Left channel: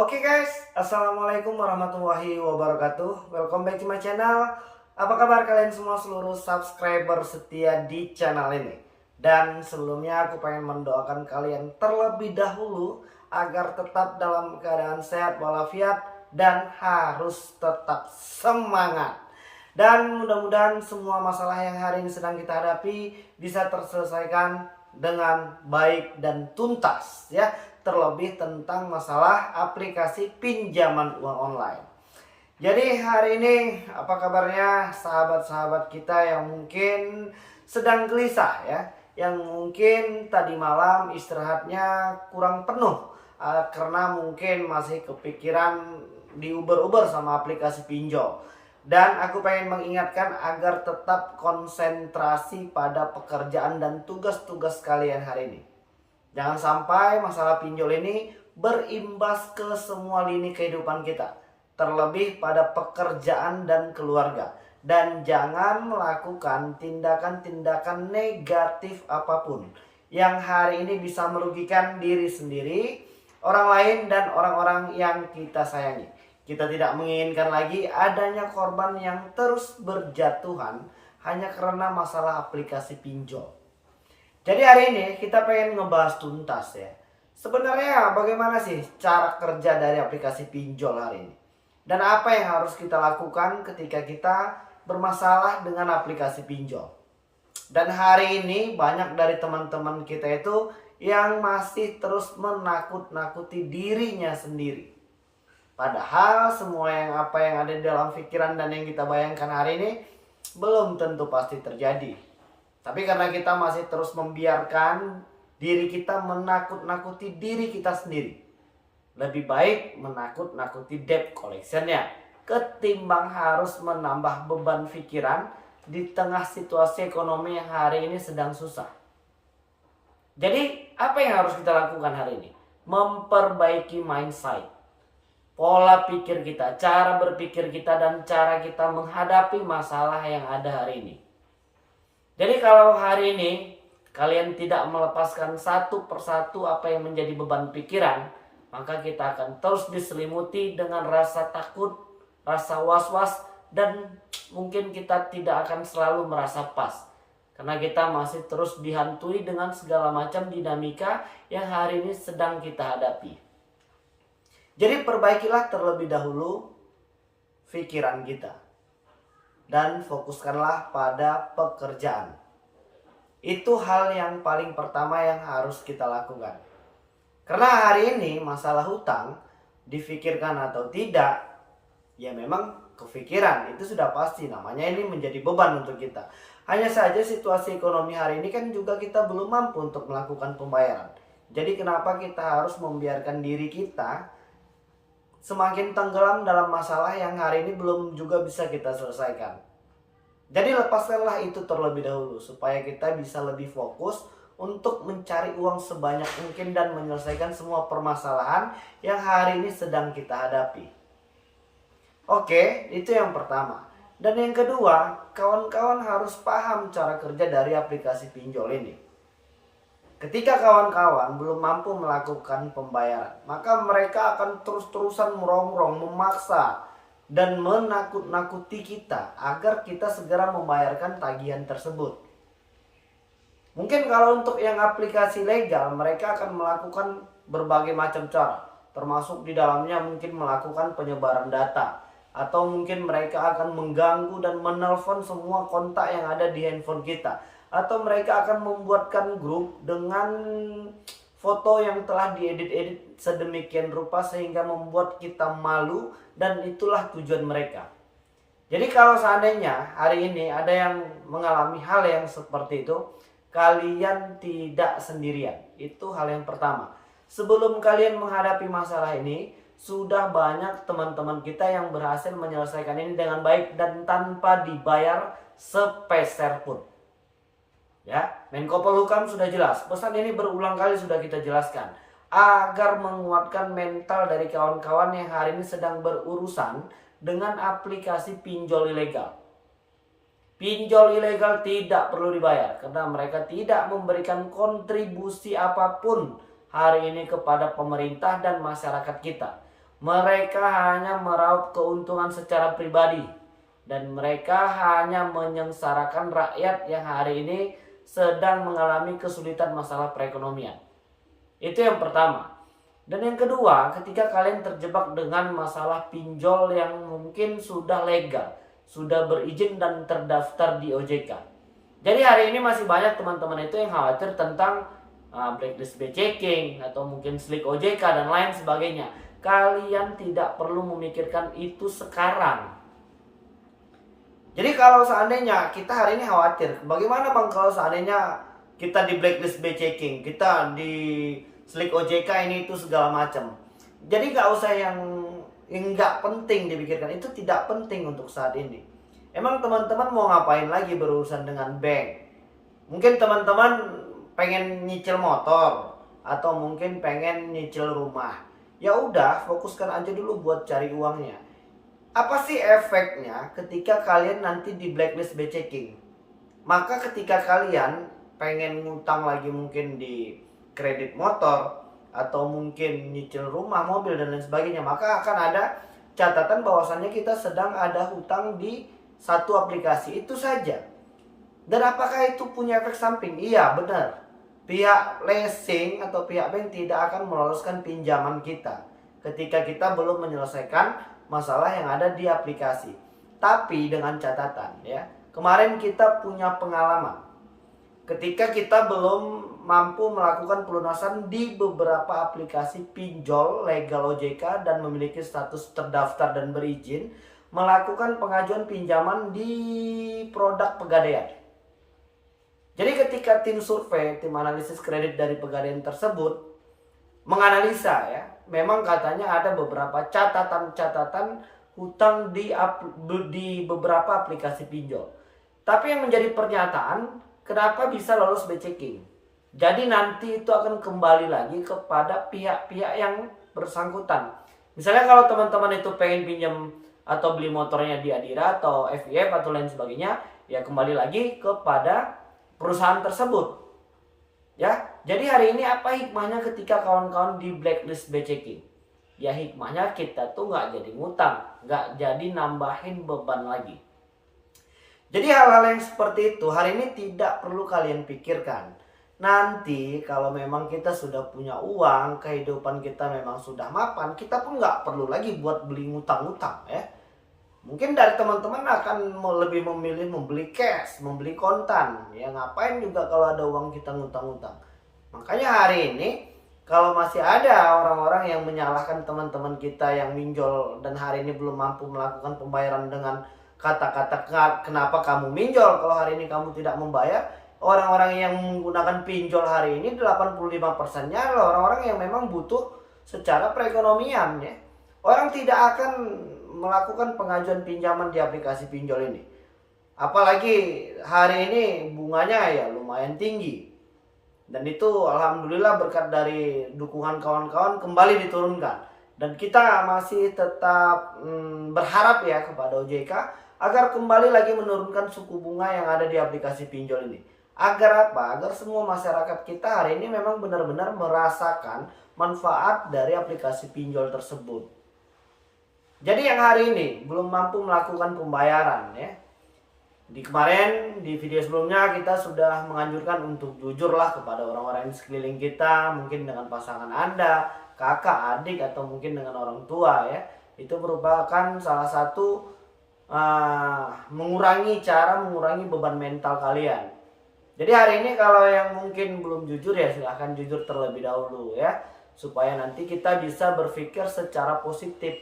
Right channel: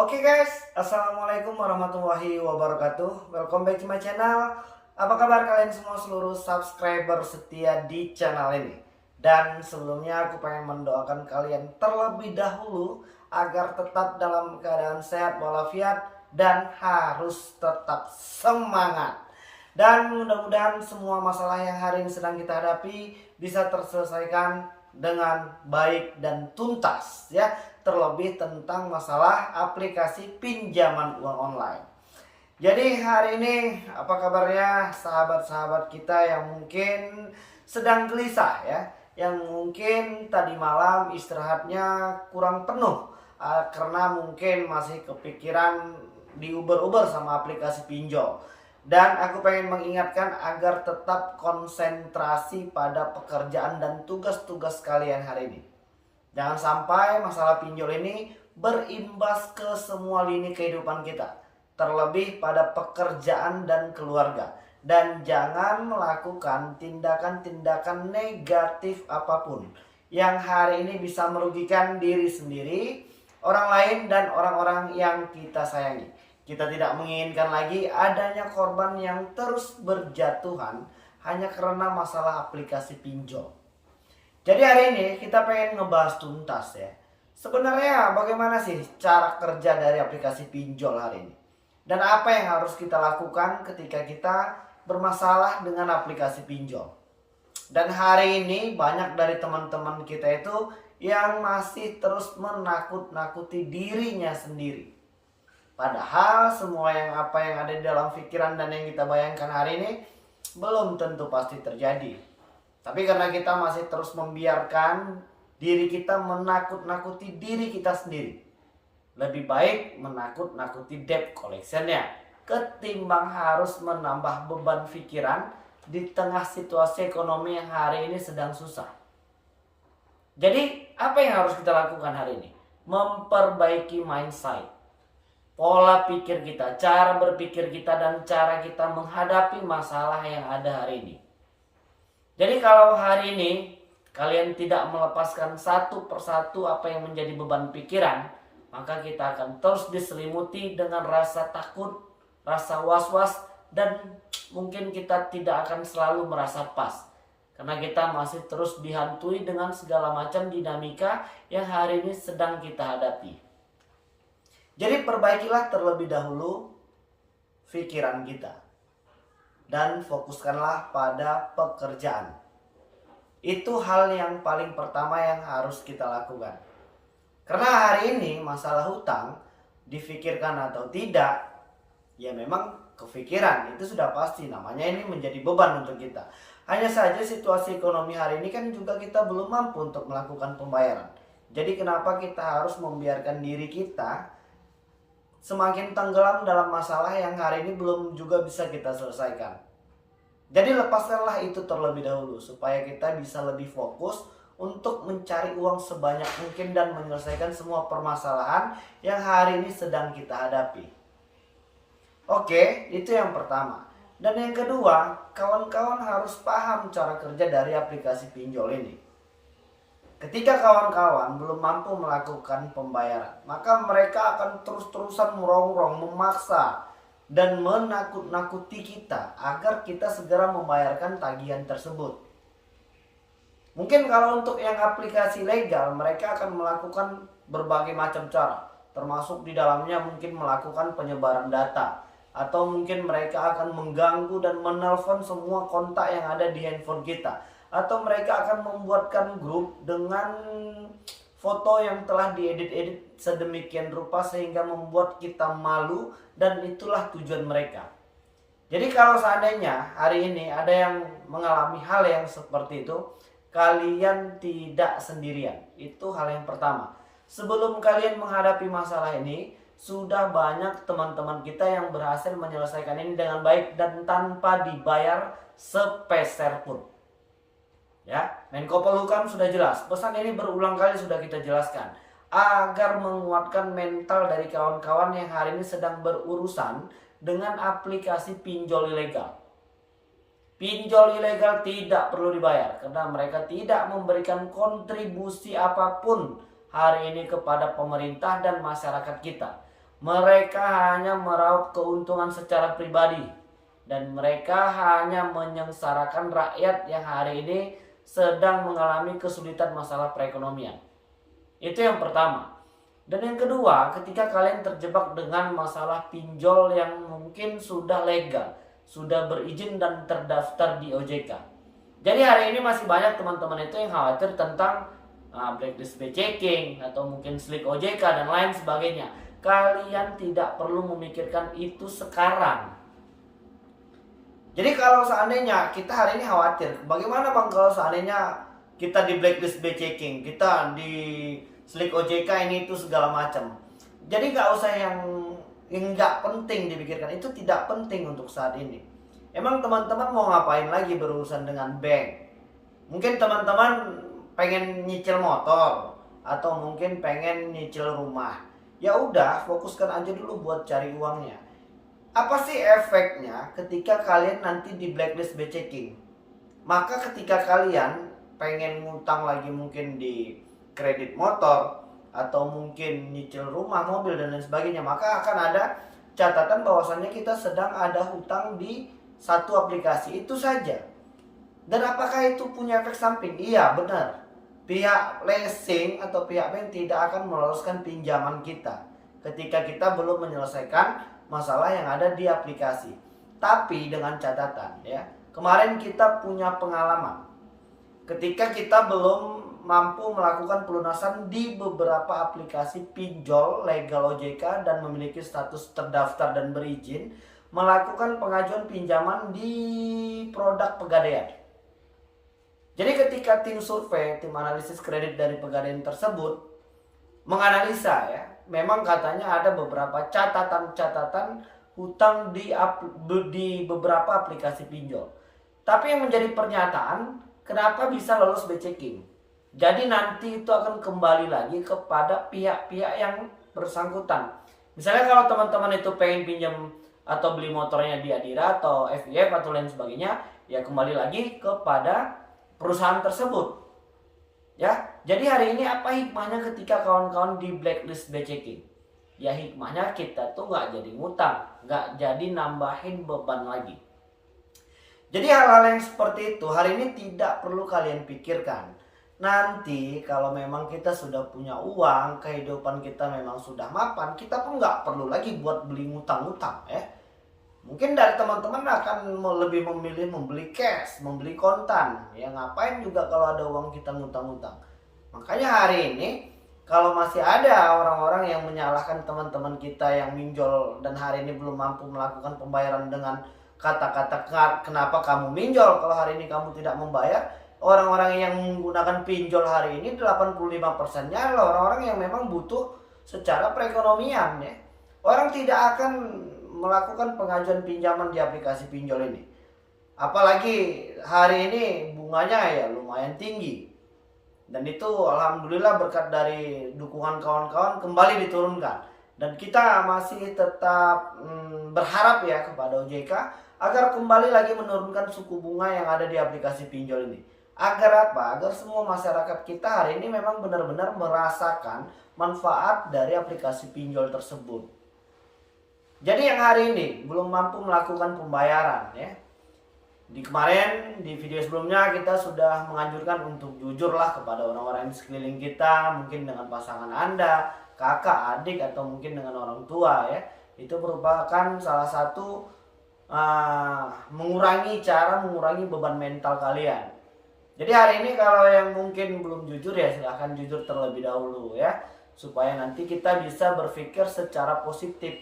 Oke guys, Assalamualaikum warahmatullahi wabarakatuh. Welcome back to my channel. Apa kabar kalian semua seluruh subscriber setia di channel ini? Dan sebelumnya aku pengen mendoakan kalian terlebih dahulu agar tetap dalam keadaan sehat walafiat dan harus tetap semangat. Dan mudah-mudahan semua masalah yang hari ini sedang kita hadapi bisa terselesaikan dengan baik dan tuntas ya. Terlebih tentang masalah aplikasi pinjaman uang online. Jadi hari ini apa kabarnya sahabat-sahabat kita yang mungkin sedang gelisah ya, yang mungkin tadi malam istirahatnya kurang penuh karena mungkin masih kepikiran di Uber sama aplikasi pinjol. Dan aku pengen mengingatkan agar tetap konsentrasi pada pekerjaan dan tugas-tugas kalian hari ini. Jangan sampai masalah pinjol ini berimbas ke semua lini kehidupan kita, terlebih pada pekerjaan dan keluarga. Dan jangan melakukan tindakan-tindakan negatif apapun yang hari ini bisa merugikan diri sendiri, orang lain, dan orang-orang yang kita sayangi. Kita tidak menginginkan lagi adanya korban yang terus berjatuhan hanya karena masalah aplikasi pinjol. Jadi hari ini kita pengen ngebahas tuntas ya. Sebenarnya bagaimana sih cara kerja dari aplikasi pinjol hari ini? Dan apa yang harus kita lakukan ketika kita bermasalah dengan aplikasi pinjol? Dan hari ini banyak dari teman-teman kita itu yang masih terus menakut-nakuti dirinya sendiri. Padahal semua yang ada di dalam pikiran dan yang kita bayangkan hari ini belum tentu pasti terjadi. Tapi karena kita masih terus membiarkan diri kita menakut-nakuti diri kita sendiri. Lebih baik menakut-nakuti debt collectionnya ketimbang harus menambah beban pikiran di tengah situasi ekonomi yang hari ini sedang susah. Jadi apa yang harus kita lakukan hari ini? Memperbaiki mindset, pola pikir kita, cara berpikir kita, dan cara kita menghadapi masalah yang ada hari ini. Jadi kalau hari ini kalian tidak melepaskan satu persatu apa yang menjadi beban pikiran, maka kita akan terus diselimuti dengan rasa takut, rasa was-was, dan mungkin kita tidak akan selalu merasa pas. Karena kita masih terus dihantui dengan segala macam dinamika yang hari ini sedang kita hadapi. Jadi perbaikilah terlebih dahulu pikiran kita. Dan fokuskanlah pada pekerjaan. Itu hal yang paling pertama yang harus kita lakukan. Karena hari ini masalah hutang, difikirkan atau tidak, ya memang kefikiran, itu sudah pasti, namanya ini menjadi beban untuk kita. Hanya saja situasi ekonomi hari ini kan juga kita belum mampu untuk melakukan pembayaran. Jadi kenapa kita harus membiarkan diri kita semakin tenggelam dalam masalah yang hari ini belum juga bisa kita selesaikan. Jadi lepaskanlah itu terlebih dahulu supaya kita bisa lebih fokus untuk mencari uang sebanyak mungkin dan menyelesaikan semua permasalahan yang hari ini sedang kita hadapi. Oke, itu yang pertama. Dan yang kedua, kawan-kawan harus paham cara kerja dari aplikasi pinjol ini. Ketika kawan-kawan belum mampu melakukan pembayaran, maka mereka akan terus-terusan merongrong, memaksa, dan menakut-nakuti kita agar kita segera membayarkan tagihan tersebut. Mungkin kalau untuk yang aplikasi legal, mereka akan melakukan berbagai macam cara, termasuk di dalamnya mungkin melakukan penyebaran data, atau mungkin mereka akan mengganggu dan menelpon semua kontak yang ada di handphone kita. Atau mereka akan membuatkan grup dengan foto yang telah diedit-edit sedemikian rupa sehingga membuat kita malu, dan itulah tujuan mereka. Jadi kalau seandainya hari ini ada yang mengalami hal yang seperti itu, kalian tidak sendirian. Itu hal yang pertama. Sebelum kalian menghadapi masalah ini, sudah banyak teman-teman kita yang berhasil menyelesaikan ini dengan baik dan tanpa dibayar sepeser pun. Ya, Menko Polhukam sudah jelas. Pesan ini berulang kali sudah kita jelaskan agar menguatkan mental dari kawan-kawan yang hari ini sedang berurusan dengan aplikasi pinjol ilegal. Pinjol ilegal tidak perlu dibayar karena mereka tidak memberikan kontribusi apapun hari ini kepada pemerintah dan masyarakat kita. Mereka hanya meraup keuntungan secara pribadi. Dan mereka hanya menyengsarakan rakyat yang hari ini sedang mengalami kesulitan masalah perekonomian. Itu yang pertama. Dan yang kedua, ketika kalian terjebak dengan masalah pinjol yang mungkin sudah legal, sudah berizin dan terdaftar di OJK. Jadi hari ini masih banyak teman-teman itu yang khawatir tentang blacklist checking atau mungkin slick OJK dan lain sebagainya. Kalian tidak perlu memikirkan itu sekarang. Jadi kalau seandainya kita hari ini khawatir, bagaimana bang kalau seandainya kita di blacklist checking, kita di slick OJK ini itu segala macam. Jadi nggak usah yang nggak penting dipikirkan, itu tidak penting untuk saat ini. Emang teman-teman mau ngapain lagi berurusan dengan bank? Mungkin teman-teman pengen nyicil motor atau mungkin pengen nyicil rumah. Ya udah, fokuskan aja dulu buat cari uangnya. Apa sih efeknya ketika kalian nanti di blacklist checking? Maka ketika kalian pengen ngutang lagi mungkin di kredit motor atau mungkin nyicil rumah, mobil dan lain sebagainya, maka akan ada catatan bahwasannya kita sedang ada hutang di satu aplikasi itu saja. Dan apakah itu punya efek samping? Iya, benar. Pihak leasing atau pihak bank tidak akan meloloskan pinjaman kita ketika kita belum menyelesaikan masalah yang ada di aplikasi. Tapi dengan catatan ya, kemarin kita punya pengalaman ketika kita belum mampu melakukan pelunasan di beberapa aplikasi pinjol legal OJK dan memiliki status terdaftar dan berizin melakukan pengajuan pinjaman di produk Pegadaian. Jadi ketika tim survei, tim analisis kredit dari Pegadaian tersebut menganalisa ya, memang katanya ada beberapa catatan-catatan hutang di beberapa aplikasi pinjol. Tapi yang menjadi pernyataan, kenapa bisa lolos checking? Jadi nanti itu akan kembali lagi kepada pihak-pihak yang bersangkutan. Misalnya kalau teman-teman itu pengen pinjam atau beli motornya di Adira atau FIF atau lain sebagainya, ya kembali lagi kepada perusahaan tersebut. Ya, jadi hari ini apa hikmahnya ketika kawan-kawan di blacklist checking? Ya hikmahnya kita tuh nggak jadi ngutang, nggak jadi nambahin beban lagi. Jadi hal-hal yang seperti itu hari ini tidak perlu kalian pikirkan. Nanti kalau memang kita sudah punya uang, kehidupan kita memang sudah mapan, kita pun nggak perlu lagi buat beli ngutang-ngutang ya. Mungkin dari teman-teman akan lebih memilih membeli cash, membeli kontan. Ya ngapain juga kalau ada uang kita ngutang-ngutang. Makanya hari ini kalau masih ada orang-orang yang menyalahkan teman-teman kita yang minjol dan hari ini belum mampu melakukan pembayaran dengan kata-kata kenapa kamu minjol kalau hari ini kamu tidak membayar. Orang-orang yang menggunakan pinjol hari ini 85%-nya adalah orang-orang yang memang butuh secara perekonomian ya. Orang tidak akan melakukan pengajuan pinjaman di aplikasi pinjol ini. Apalagi hari ini bunganya ya lumayan tinggi. Dan itu alhamdulillah berkat dari dukungan kawan-kawan kembali diturunkan. Dan kita masih tetap berharap ya kepada OJK agar kembali lagi menurunkan suku bunga yang ada di aplikasi pinjol ini. Agar apa? Agar semua masyarakat kita hari ini memang benar-benar merasakan manfaat dari aplikasi pinjol tersebut. Jadi yang hari ini belum mampu melakukan pembayaran ya. Di kemarin di video sebelumnya kita sudah menganjurkan untuk jujurlah kepada orang-orang di sekeliling kita, mungkin dengan pasangan Anda, kakak, adik atau mungkin dengan orang tua ya. Itu merupakan salah satu mengurangi beban mental kalian. Jadi hari ini kalau yang mungkin belum jujur ya silahkan jujur terlebih dahulu ya. Supaya nanti kita bisa berpikir secara positif,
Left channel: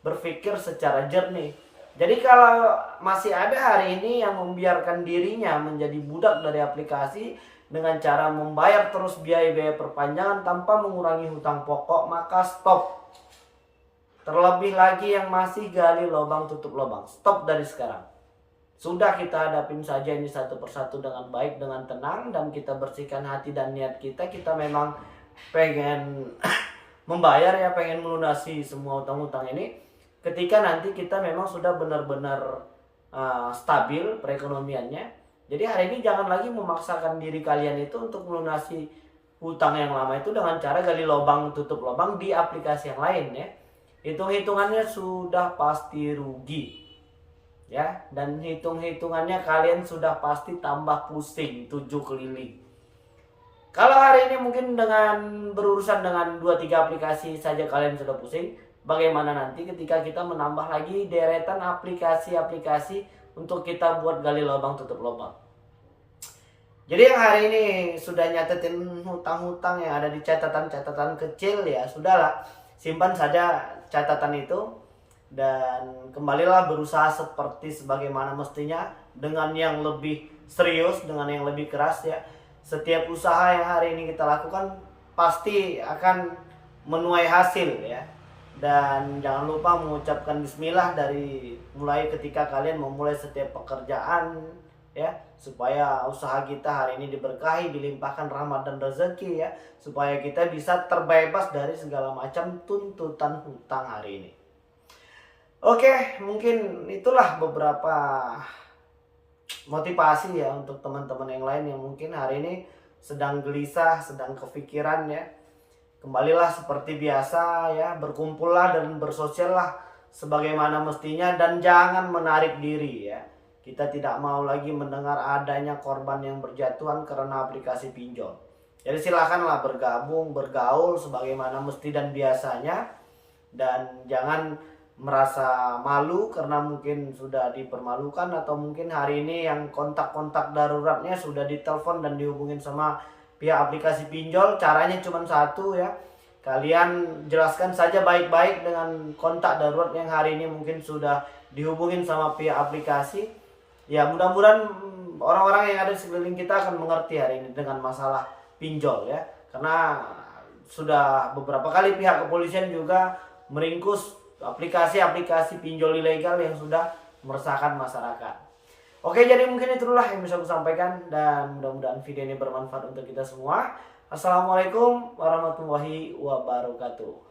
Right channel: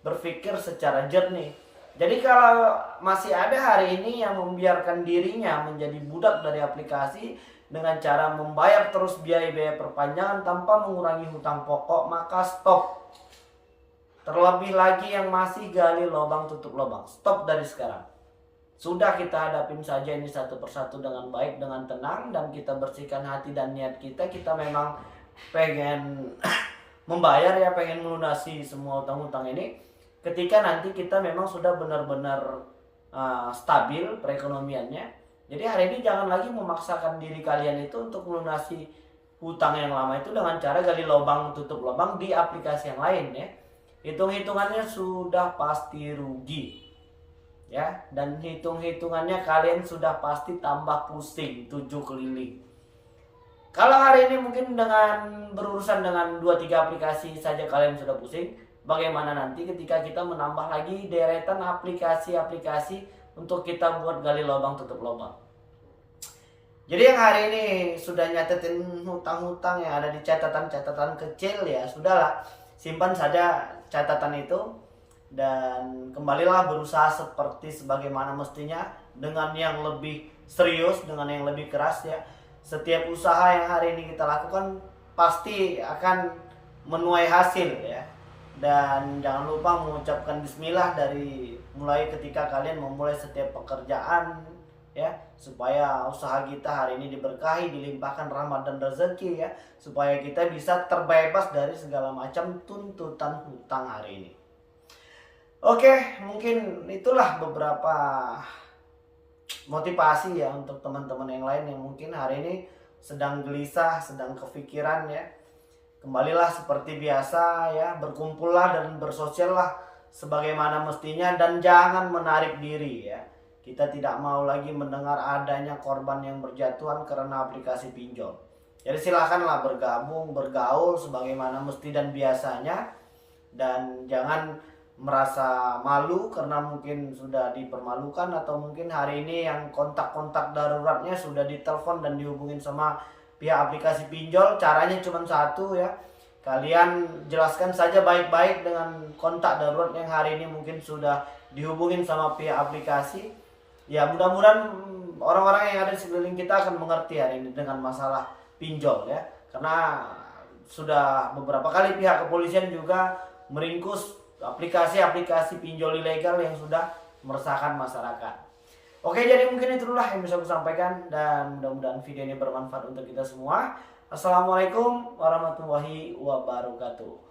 berpikir secara jernih. Jadi kalau masih ada hari ini yang membiarkan dirinya menjadi budak dari aplikasi dengan cara membayar terus biaya-biaya perpanjangan tanpa mengurangi hutang pokok, maka stop. Terlebih lagi yang masih gali lubang tutup lubang, stop dari sekarang. Sudah kita hadapin saja ini satu persatu dengan baik, dengan tenang, dan kita bersihkan hati dan niat kita. Kita memang pengen membayar ya, pengen melunasi semua utang-utang ini. Ketika nanti kita memang sudah benar-benar stabil perekonomiannya. Jadi hari ini jangan lagi memaksakan diri kalian itu untuk melunasi hutang yang lama itu dengan cara gali lubang tutup lubang di aplikasi yang lain ya. hitung-hitungannya sudah pasti rugi. Ya, dan hitung-hitungannya kalian sudah pasti tambah pusing 7 keliling. Kalau hari ini mungkin dengan berurusan dengan 2-3 aplikasi saja kalian sudah pusing, bagaimana nanti ketika kita menambah lagi deretan aplikasi-aplikasi untuk kita buat gali lubang tutup lubang. Jadi yang hari ini sudah nyatetin hutang-hutang yang ada di catatan-catatan kecil, ya sudahlah, simpan saja catatan itu dan kembalilah berusaha seperti sebagaimana mestinya dengan yang lebih serius, dengan yang lebih keras ya. Setiap usaha yang hari ini kita lakukan pasti akan menuai hasil ya. Dan jangan lupa mengucapkan bismillah dari mulai ketika kalian memulai setiap pekerjaan ya, supaya usaha kita hari ini diberkahi, dilimpahkan rahmat dan rezeki ya, supaya kita bisa terbebas dari segala macam tuntutan hutang hari ini. Oke, mungkin itulah beberapa motivasi ya untuk teman-teman yang lain yang mungkin hari ini sedang gelisah, sedang kepikiran ya. Kembalilah seperti biasa ya, berkumpullah dan bersosiallah sebagaimana mestinya dan jangan menarik diri ya. Kita tidak mau lagi mendengar adanya korban yang berjatuhan karena aplikasi pinjol. Jadi silakanlah bergabung, bergaul sebagaimana mesti dan biasanya, dan jangan merasa malu karena mungkin sudah dipermalukan atau mungkin hari ini yang kontak-kontak daruratnya sudah ditelepon dan dihubungin sama pihak aplikasi pinjol. Caranya cuma satu ya, kalian jelaskan saja baik-baik dengan kontak darurat yang hari ini mungkin sudah dihubungin sama pihak aplikasi. Ya mudah-mudahan orang-orang yang ada di sekeliling kita akan mengerti hari ini dengan masalah pinjol ya. Karena sudah beberapa kali pihak kepolisian juga meringkus aplikasi-aplikasi pinjol ilegal yang sudah meresahkan masyarakat. Oke, jadi mungkin itulah yang bisa aku sampaikan dan mudah-mudahan video ini bermanfaat untuk kita semua. Assalamualaikum warahmatullahi wabarakatuh.